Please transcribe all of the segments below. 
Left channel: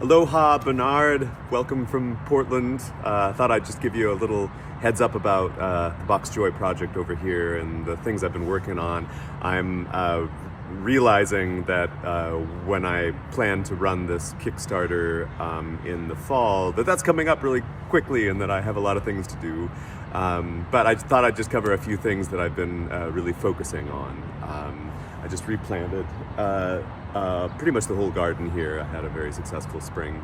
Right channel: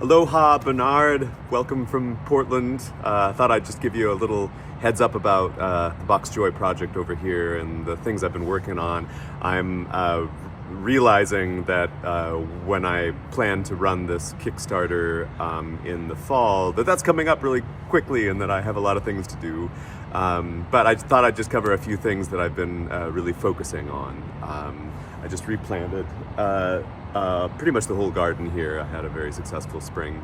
Aloha, Bernard. Welcome from Portland. Thought I'd just give you a little heads up about the Box Joy project over here and the things I've been working on. I'm realizing that when I plan to run this Kickstarter in the fall, that's coming up really quickly and that I have a lot of things to do. But I thought I'd just cover a few things that I've been really focusing on. I just replanted pretty much the whole garden here. I had a very successful spring.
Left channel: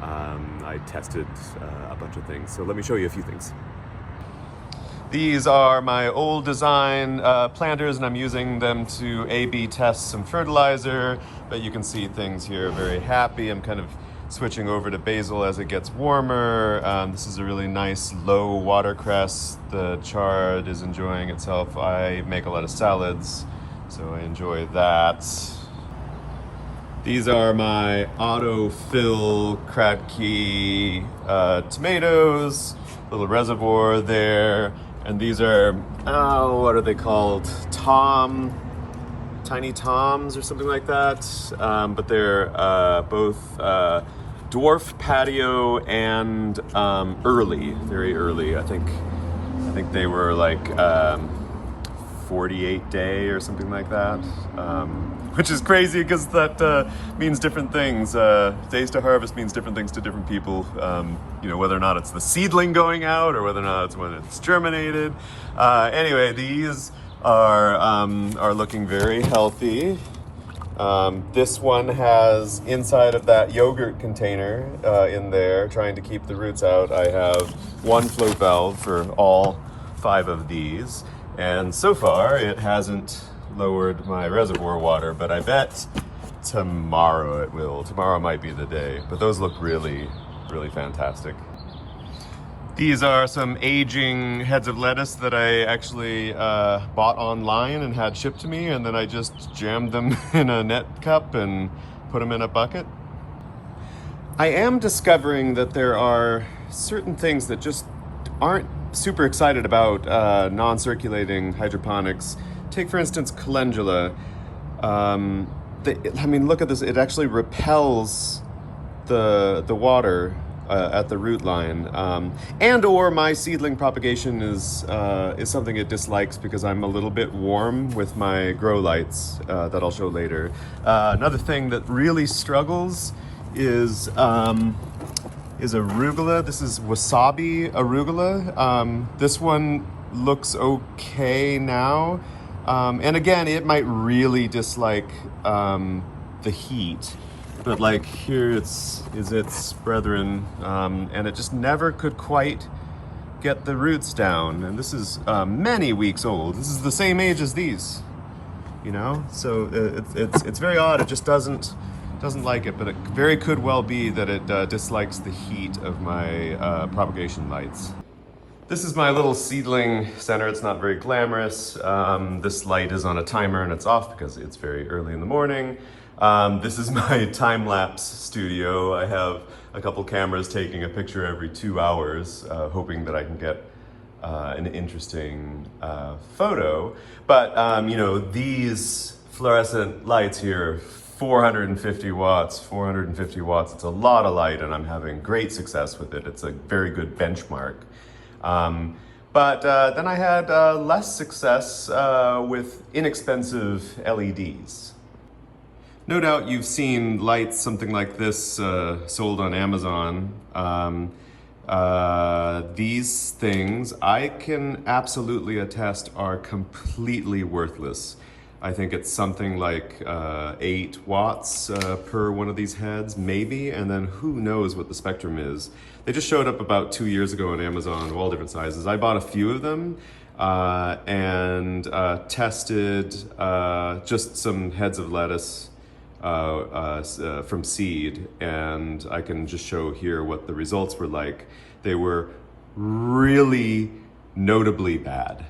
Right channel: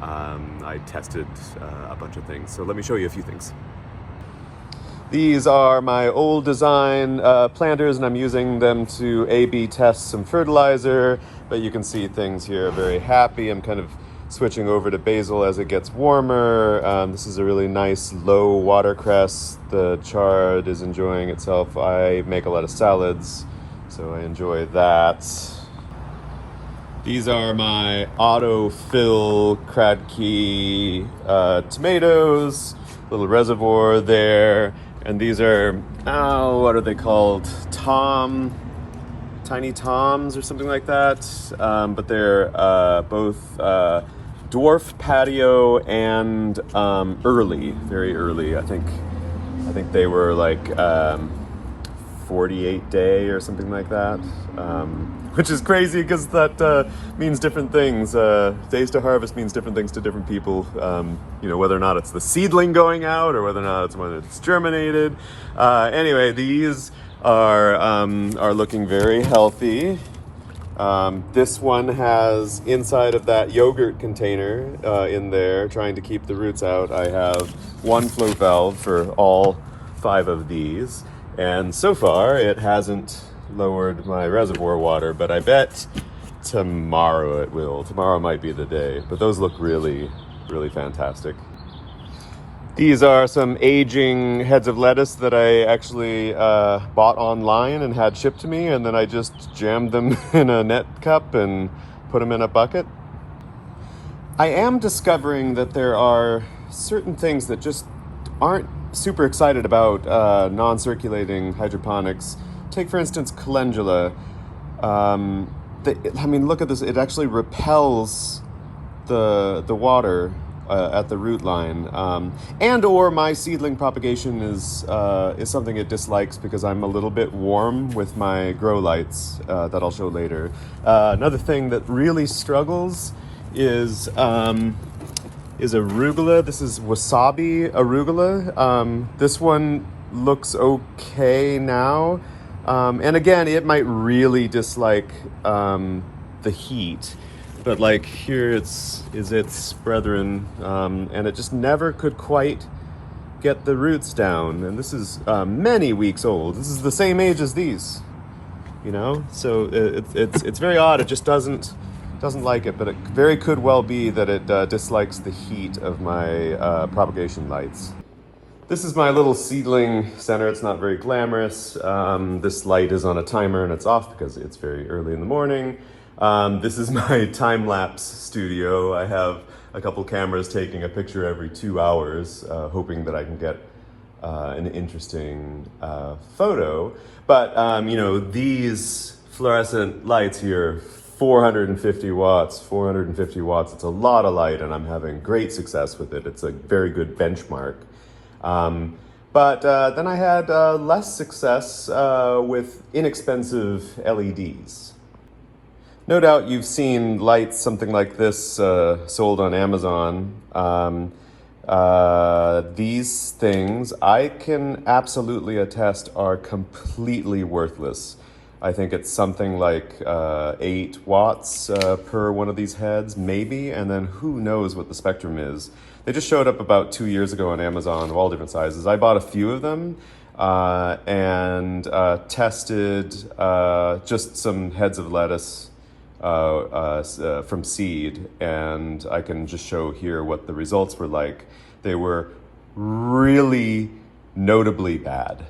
I tested a bunch of things. So let me show you a few things. These are my old design planters, and I'm using them to A/B test some fertilizer. But you can see things here are very happy. I'm kind of switching over to basil as it gets warmer. This is a really nice low watercress. The chard is enjoying itself. I make a lot of salads, so I enjoy that. These are my autofill Kratky tomatoes, little reservoir there. And these are, what are they called? Tiny Toms or something like that. But they're both dwarf patio and early, very early. I think they were like 48 day or something like that. Which is crazy because that means different things. Days to harvest means different things to different people. Whether or not it's the seedling going out or whether or not it's when it's germinated. Anyway, these are looking very healthy. This one has inside of that yogurt container in there, trying to keep the roots out. I have one float valve for all 5 of these, and so far it hasn't lowered my reservoir water, but I bet tomorrow it will. Tomorrow might be the day, but those look really, really fantastic. These are some aging heads of lettuce that I actually bought online and had shipped to me, and then I just jammed them in a net cup and put them in a bucket. I am discovering that there are certain things that just aren't super excited about non-circulating hydroponics. Take, for instance, Calendula. Look at this. It actually repels the water at the root line. And or my seedling propagation is something it dislikes because I'm a little bit warm with my grow lights that I'll show later. Another thing that really struggles is arugula. This is Wasabi arugula. This one looks okay now. And again, it might really dislike the heat, but like here is its brethren, and it just never could quite get the roots down. And this is many weeks old. This is the same age as these, so it's very odd. It just doesn't like it, but it very could well be that it dislikes the heat of my propagation lights. This is my little seedling center. It's not very glamorous. This light is on a timer and it's off because it's very early in the morning. This is my time-lapse studio. I have a couple cameras taking a picture every 2 hours, hoping that I can get an interesting photo. But these fluorescent lights here, 450 watts, 450 watts. It's a lot of light and I'm having great success with it. It's a very good benchmark. But then I had less success with inexpensive LEDs. No doubt you've seen lights something like this sold on Amazon. These things, I can absolutely attest, are completely worthless. I think it's something like 8 watts per one of these heads, maybe, and then who knows what the spectrum is. They just showed up about 2 years ago on Amazon, of all different sizes. I bought a few of them and tested just some heads of lettuce from seed, and I can just show here what the results were like. They were really notably bad.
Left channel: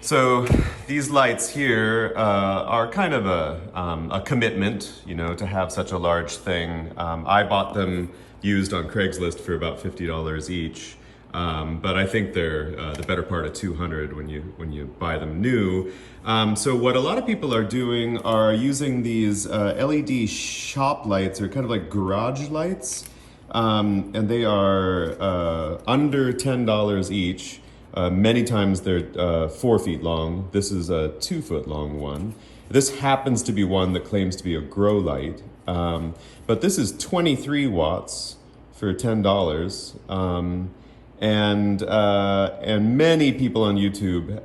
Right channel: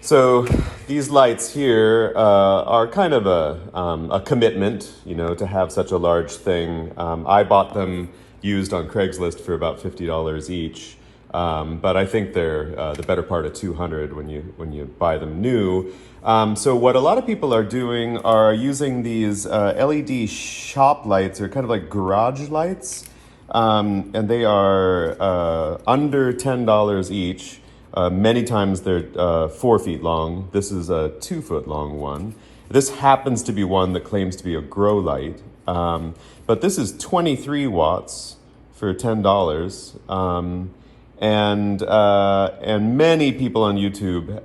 So these lights here are kind of a commitment, to have such a large thing. I bought them used on Craigslist for about $50 each. But I think they're the better part of $200 when you buy them new. So what a lot of people are doing are using these LED shop lights, or kind of like garage lights, and they are under $10 each. Many times they're 4 feet long. This is a 2 foot long one. This happens to be one that claims to be a grow light, but this is 23 watts for $10. And many people on YouTube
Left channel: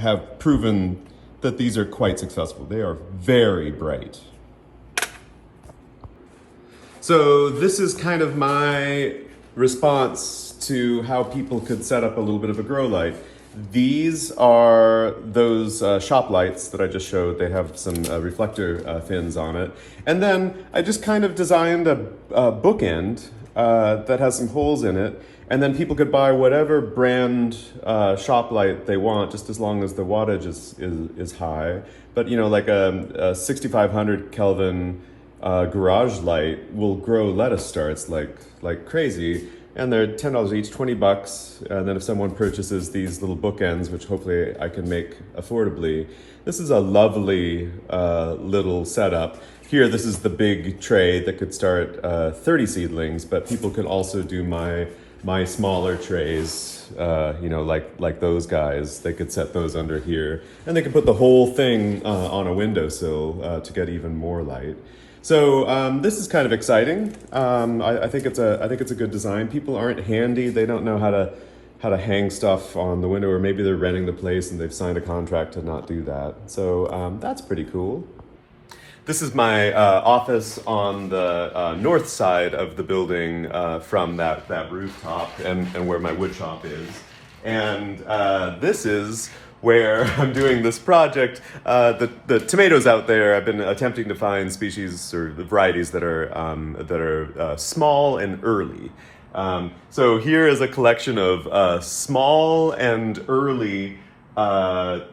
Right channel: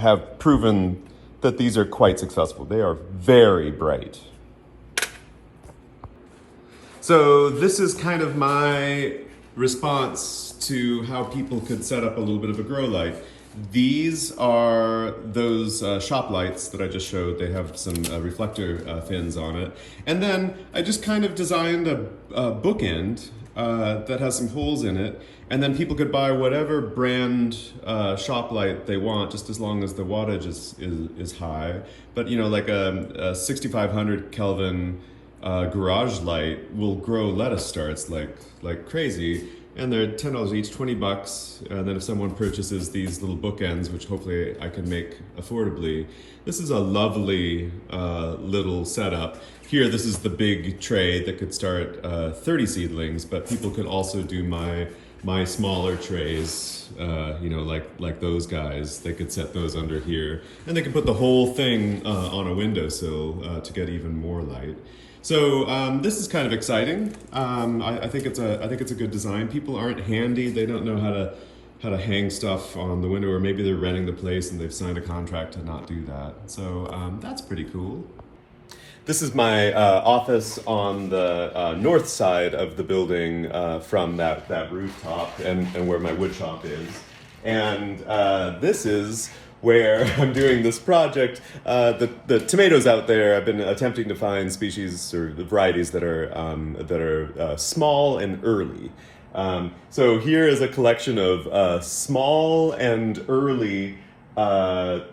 have proven that these are quite successful. They are very bright. So this is kind of my response to how people could set up a little bit of a grow light. These are those shop lights that I just showed. They have some reflector fins on it. And then I just kind of designed a bookend that has some holes in it, and then people could buy whatever brand shop light they want, just as long as the wattage is high. But you know, like a 6500 Kelvin garage light will grow lettuce starts like crazy, and they're $10 each, $20. And then if someone purchases these little bookends, which hopefully I can make affordably, this is a lovely little setup. Here, this is the big tray that could start 30 seedlings, but people can also do my smaller trays, you know, like those guys. They could set those under here, and they could put the whole thing on a windowsill to get even more light. So this is kind of exciting. I think it's a good design. People aren't handy. They don't know how to hang stuff on the window, or maybe they're renting the place and they've signed a contract to not do that. So that's pretty cool. This is my office on the north side of the building from that rooftop, and where my wood shop is. And this is where I'm doing this project. The tomatoes out there, I've been attempting to find species or varieties that are small and early. So here is a collection of small and early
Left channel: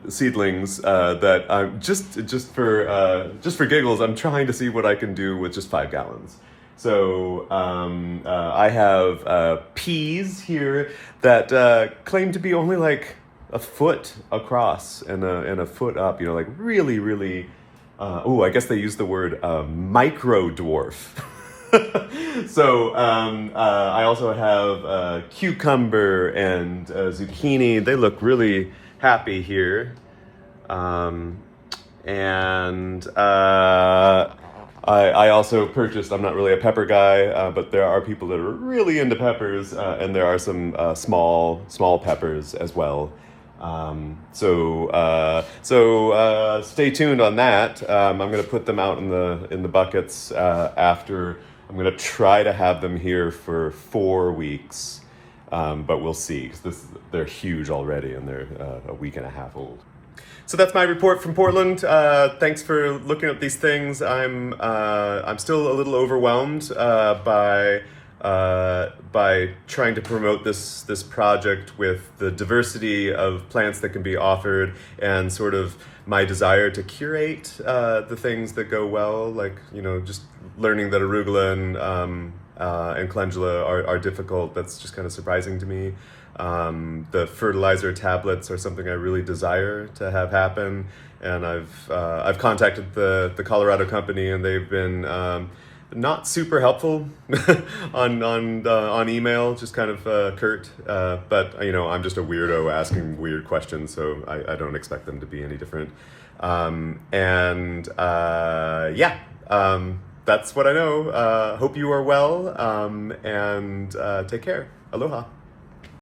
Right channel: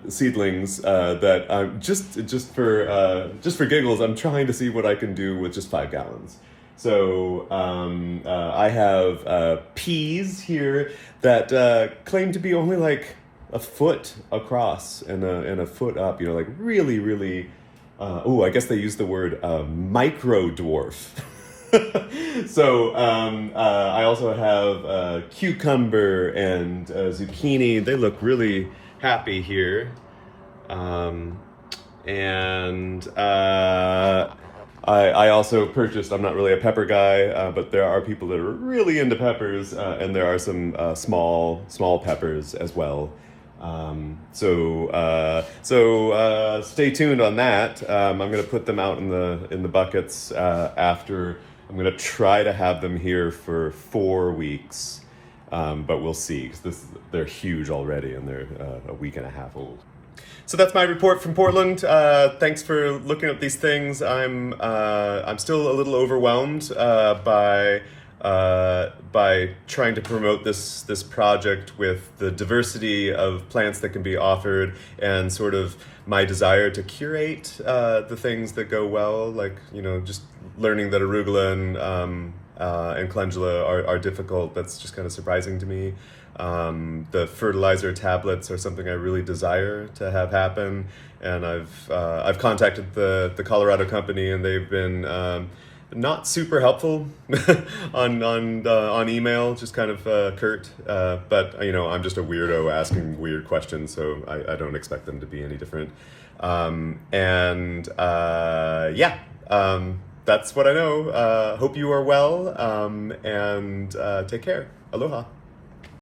seedlings that I'm just for giggles, I'm trying to see what I can do with just 5 gallons. So I have peas here that claim to be only like a foot across and a foot up, you know, like really, I guess they use the word micro dwarf. So I also have cucumber and zucchini. They look really happy here. I also purchased, I'm not really a pepper guy, but there are people that are really into peppers, and there are some small peppers as well. So stay tuned on that. I'm going to put them out in the buckets after. I'm going to try to have them here for 4 weeks, but we'll see. 'Cause they're huge already, and they're a week and a half old. So that's my report from Portland. Thanks for looking at these things. I'm still a little overwhelmed by trying to promote this project with the diversity of plants that can be offered, and sort of my desire to curate the things that go well, like, you know, just learning that arugula and calendula are difficult. That's just kind of surprising to me. The fertilizer tablets are something I really desire to have happen, and I've contacted the Colorado company, and they've been not super helpful on email, just kind of curt. But you know, I'm just a weirdo asking weird questions, so I don't expect them to be any different. That's what I know. Hope you are well, and take care. Aloha.